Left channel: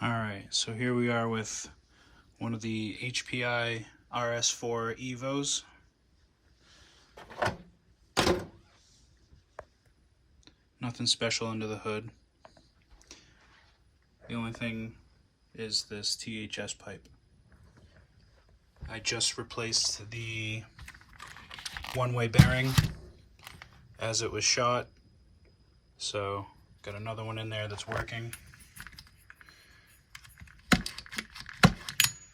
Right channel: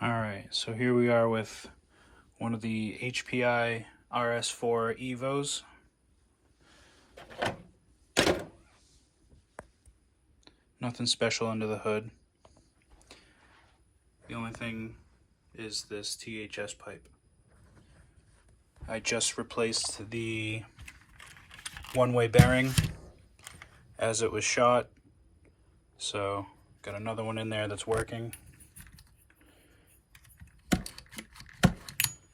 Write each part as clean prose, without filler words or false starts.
Alright, so here we are with one of the HPI RS4 Evos. Nothing special under the hood. The only thing is this THS pipe. I just replaced the one-way bearing as it was shot, so got another one in there that's working.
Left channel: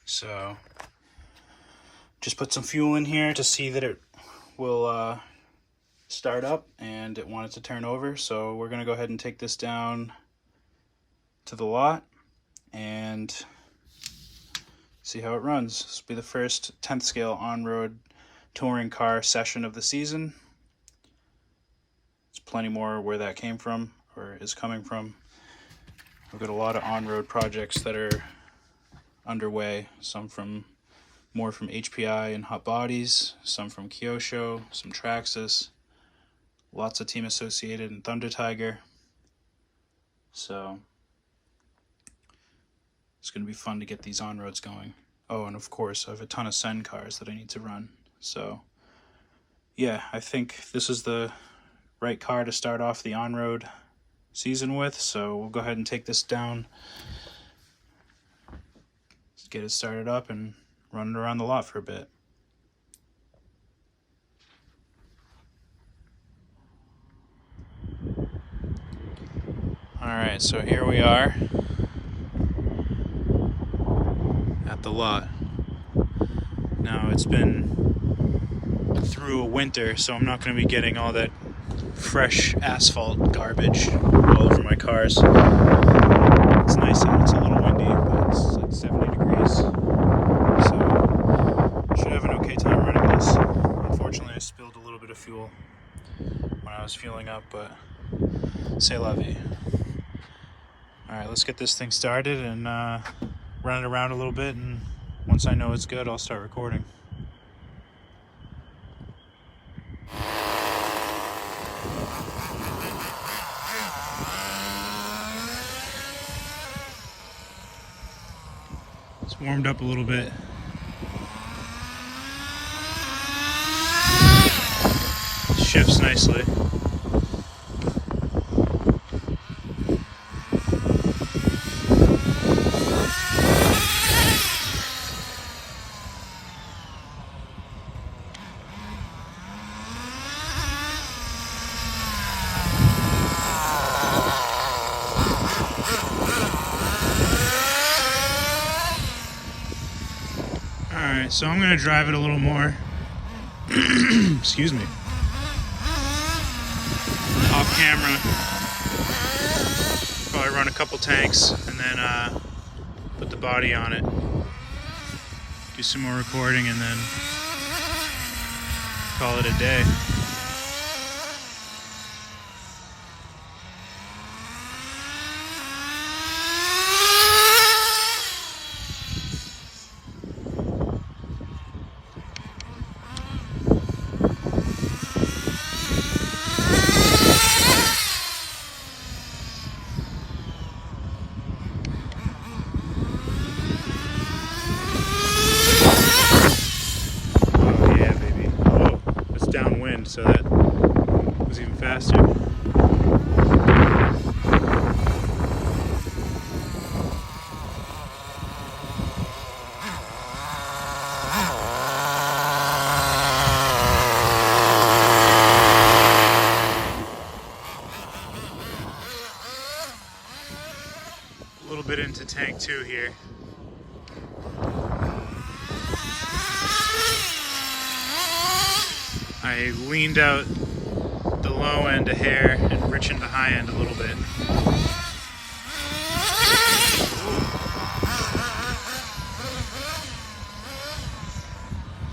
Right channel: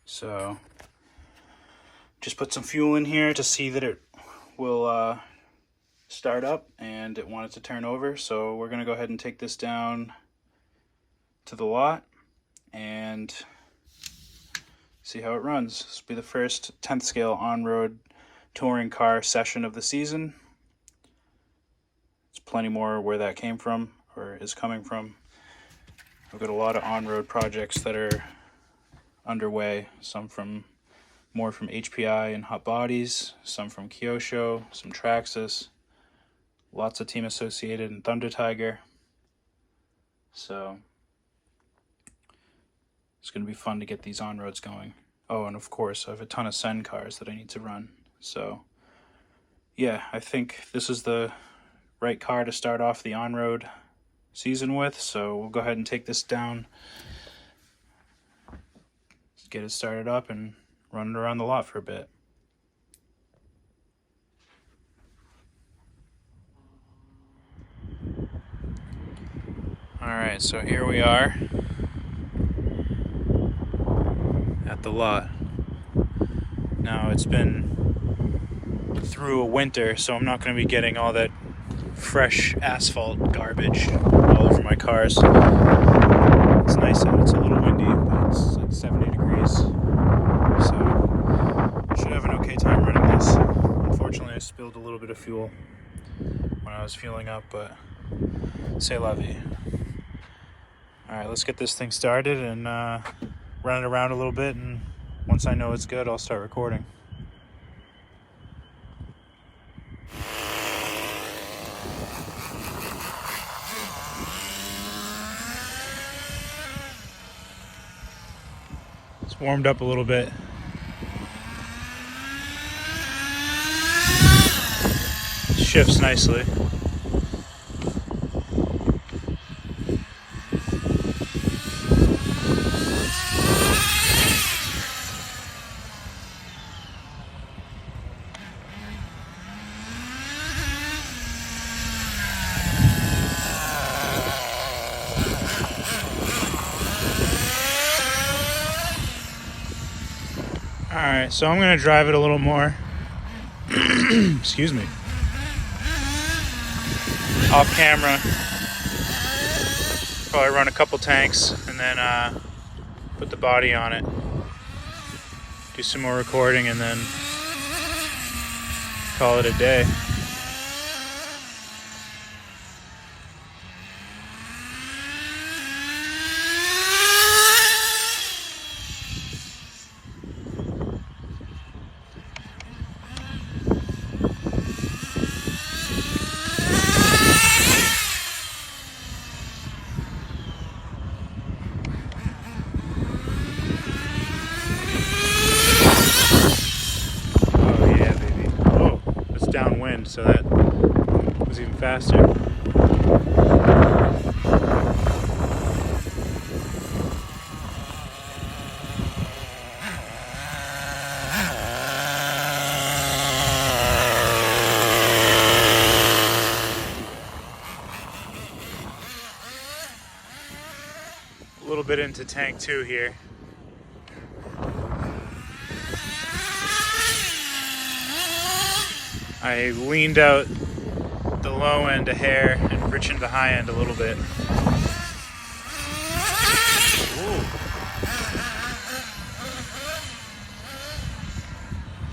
So just put some fuel in here to see that it will start up, and it wanted to turn over, so we're gonna go ahead and take this down to the lot and see how it runs. This will be the first 10th scale on-road touring car session of the season. There's plenty more where that came from, or is coming from. I've got a lot of on-road projects that are underway, some more from HPI and Hot Bodies, some from Kyosho, some Traxxas, lots of Team Associated and Thunder Tiger. So it's going to be fun to get these on-roads going. Oh, and of course I have a ton of Sen cars that I need to run. So yeah, I think this is the right car to start off the on-road season with, so we'll go ahead and take this down, get it started up, and run it around the lot for a bit. Alright, so here we are at the lot. Now it's been through a winter, so I'm not going to be getting all that fresh asphalt garbage all over my cars. It's nice out, it's a little windy, but it's like 70 degrees. So I should have an okay time running this. Unfortunately, I spilled a little bit of fuel when I was fueling up, but c'est la vie. Alright, let's get this thing started and run it around a little bit, and once I know it's good, I'll start recording. It's warmed up a little bit. Shifts nicely. Alright, so I'm going to drive it a little more. Excuse me. Off camera. Probably run a couple tanks and then put the body on it. Do some more recording and then call it a day. Downwind, so that was even faster. A little bit into tank 2 here. I leaned out the low end a hair and richened the high end a little bit. Ooh.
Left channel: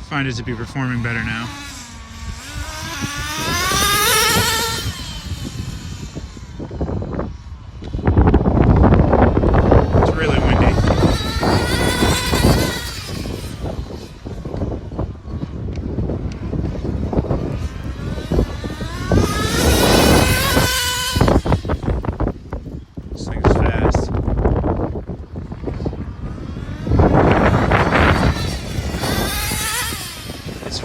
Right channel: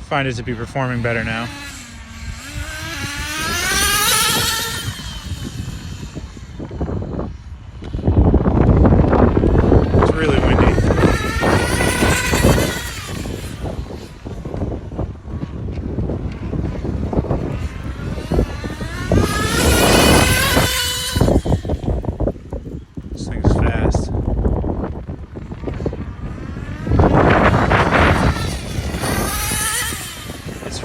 Find it to be performing better now. It's really windy.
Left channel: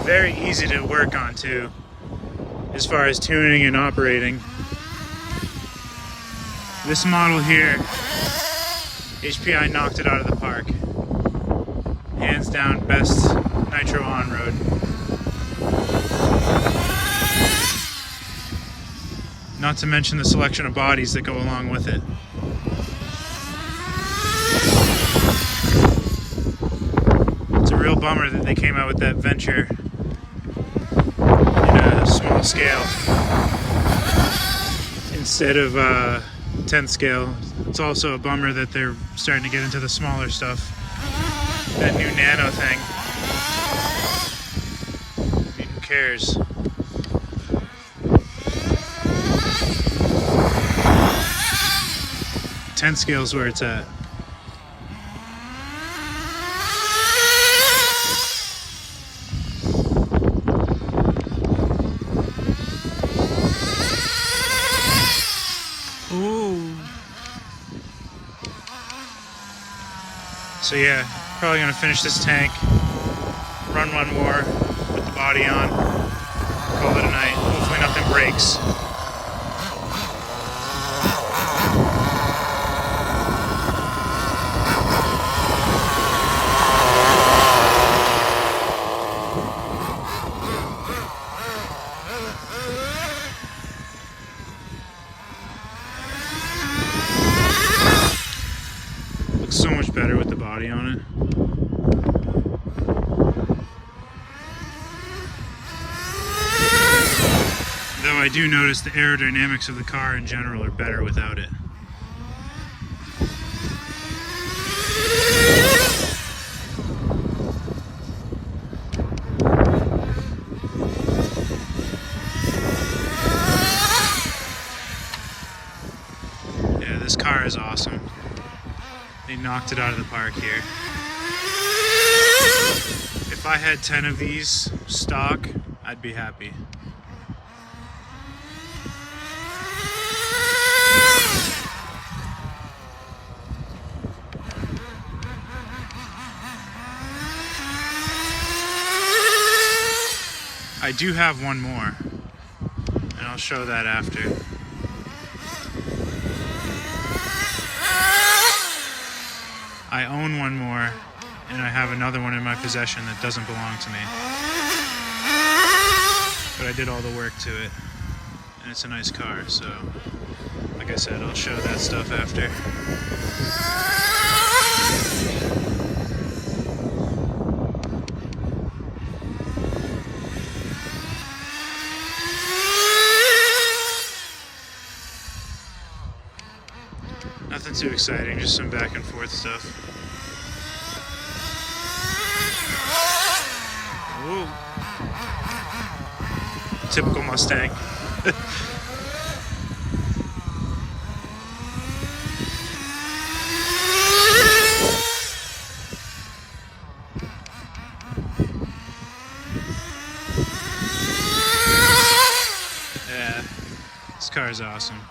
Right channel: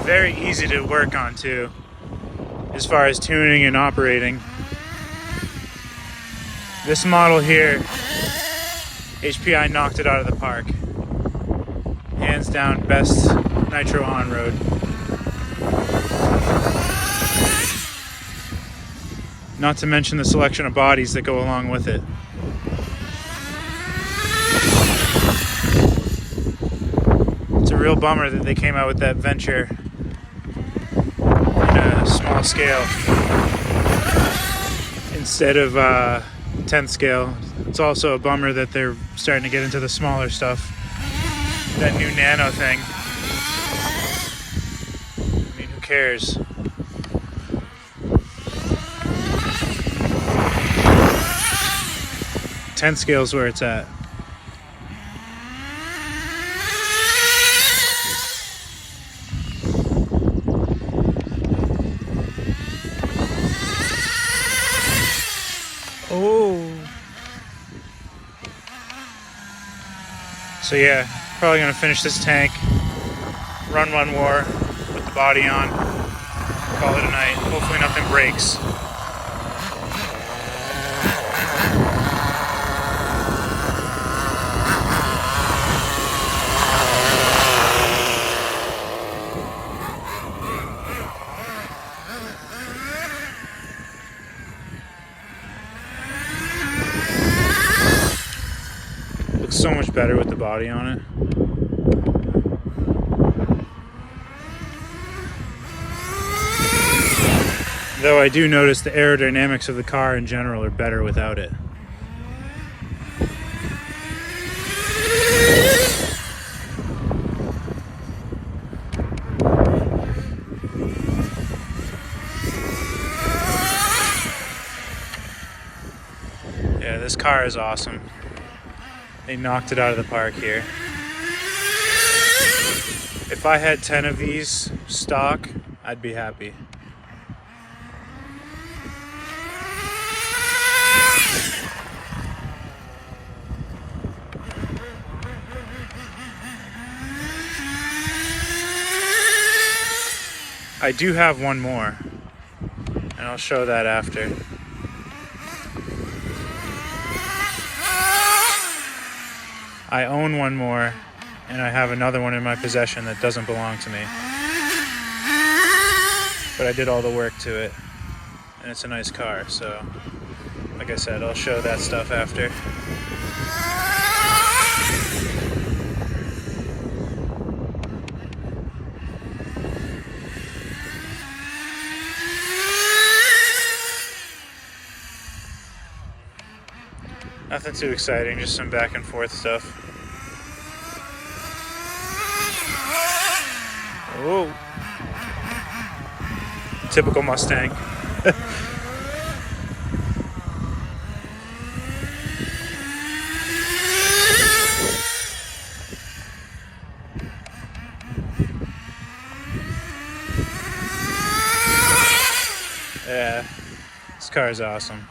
very easy to work on too, as far as tuning and operating. This model here, HPI knocked it out of the park. Hands down, best nitro on-road. Not to mention the selection of bodies that go along with it. It's a real bummer that they came out with that Venture in a small scale instead of 10th scale. It's also a bummer that they're starting to get into the smaller stuff. That new Nano thing. I mean, who cares? Ten scale's where it's at. Oh. So yeah, probably gonna finish this tank, run one more with the body on, call it a night. Hopefully nothing breaks. Looks so much better with the body on it. Though I do notice the aerodynamics of the car in general are better without it. Yeah, this car is awesome. They knocked it out of the park here. If I had 10 of these stock, I'd be happy. I do have one more, and I'll show that after. I own one more, and I have another one in my possession that doesn't belong to me. But I did all the work to it, and it's a nice car, so like I said, I'll show that stuff after. Nothing too exciting, just some back and forth stuff. Whoa. Typical Mustang. Yeah, this car is awesome.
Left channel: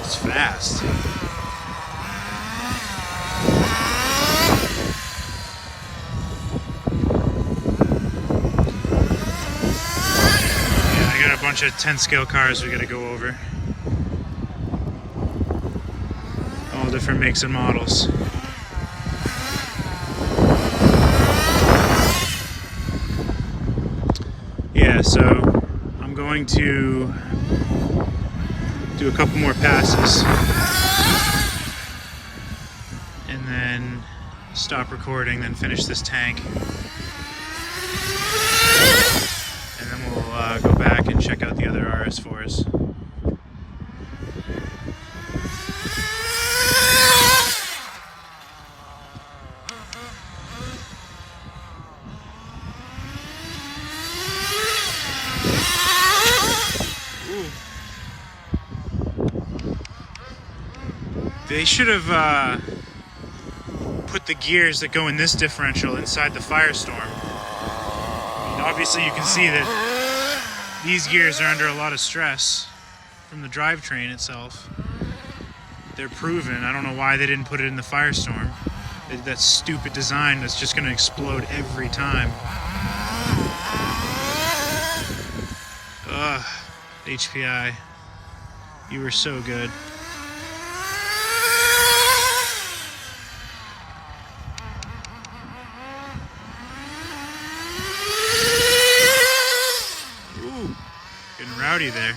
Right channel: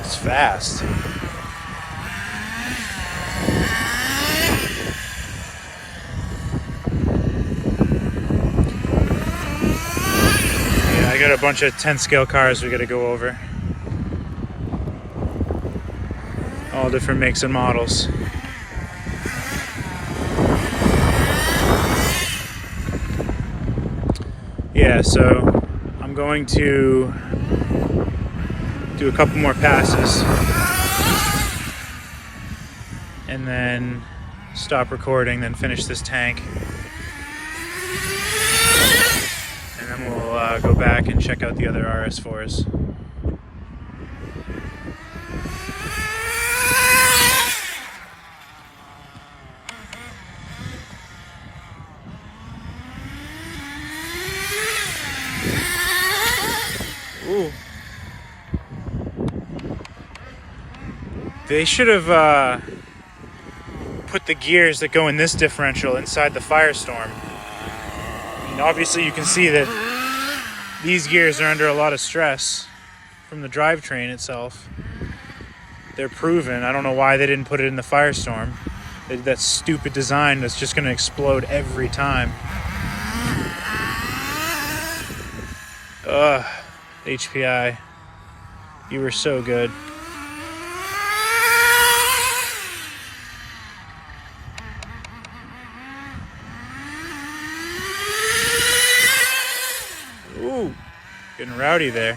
It's fast. Yeah, I got a bunch of 10 scale cars we gotta go over. All different makes and models. Yeah, so I'm going to do a couple more passes and then stop recording, then finish this tank, and then we'll go back and check out the other RS4s. Ooh. They should have put the gears that go in this differential inside the Firestorm. Obviously you can see that these gears are under a lot of stress from the drivetrain itself. They're proven. I don't know why they didn't put it in the Firestorm. That stupid design that's just going to explode every time. Ugh, HPI, you were so good. Ooh, getting rowdy there.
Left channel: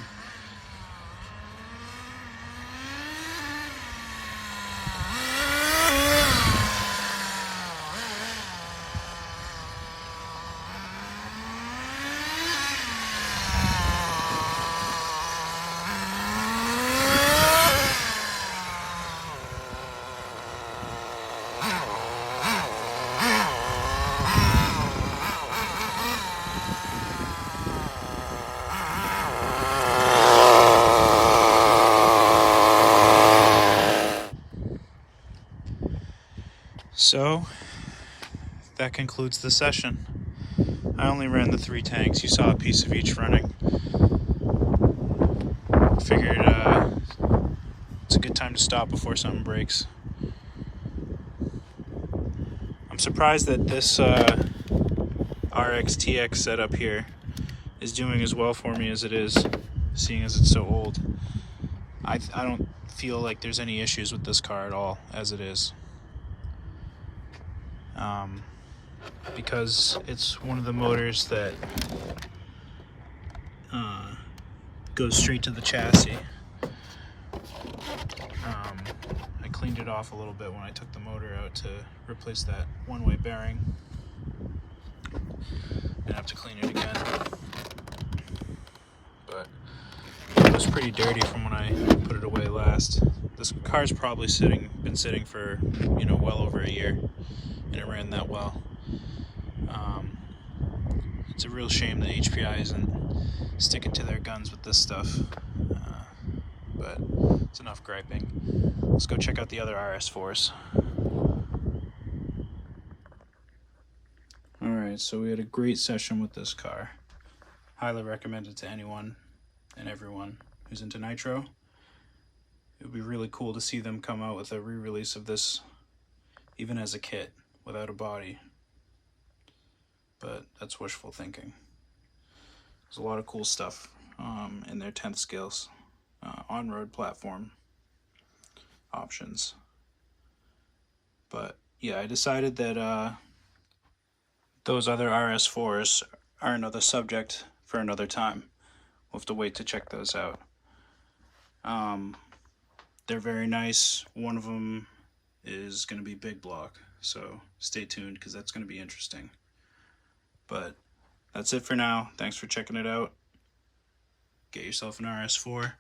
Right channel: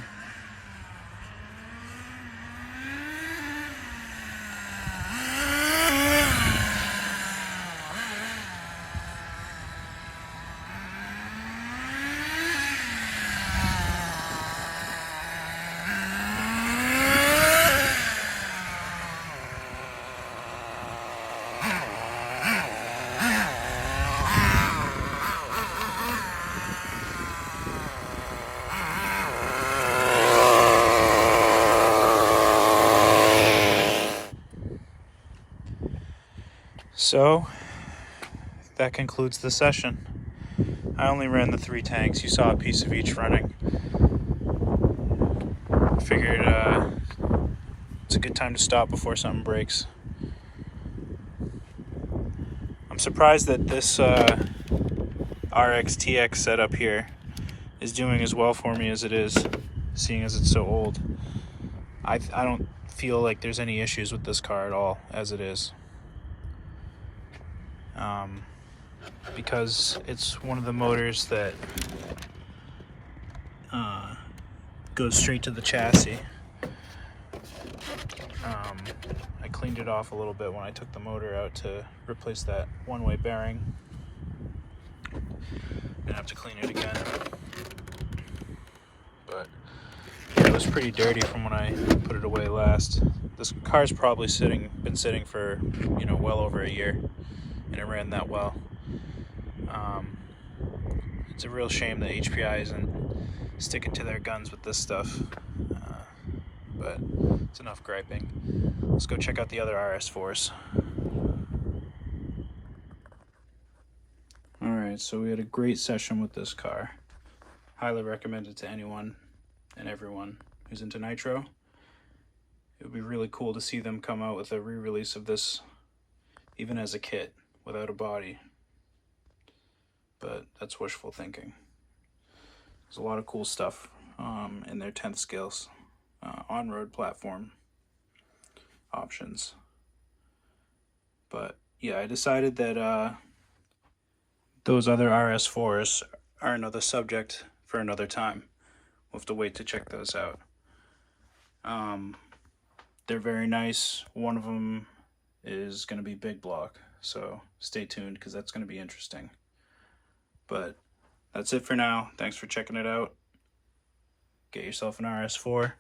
So, that concludes the session. I only ran the 3 tanks. You saw a piece of each running. Figured it's a good time to stop before something breaks. I'm surprised that this RX-TX setup here is doing as well for me as it is, seeing as it's so old. I don't feel like there's any issues with this car at all as it is. Because it's one of the motors that goes straight to the chassis. I cleaned it off a little bit when I took the motor out to replace that one-way bearing. Gonna have to clean it again. But yeah, it was pretty dirty from when I put it away last. This car's probably been sitting for, you know, well over a year, and it ran that well. It's a real shame that HPI isn't sticking to their guns with this stuff, but it's enough griping. Let's go check out the other RS4s. Alright, so we had a great session with this car. Highly recommend it to anyone and everyone who's into nitro. It would be really cool to see them come out with a re-release of this, even as a kit, without a body. But that's wishful thinking. There's a lot of cool stuff in their 10th scales, on-road platform options. But yeah, I decided that those other RS4s are another subject for another time. We'll have to wait to check those out. They're very nice. One of them is going to be big block, so stay tuned because that's going to be interesting. But that's it for now. Thanks for checking it out. Get yourself an RS4.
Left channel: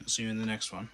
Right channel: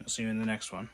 I'll see you in the next one.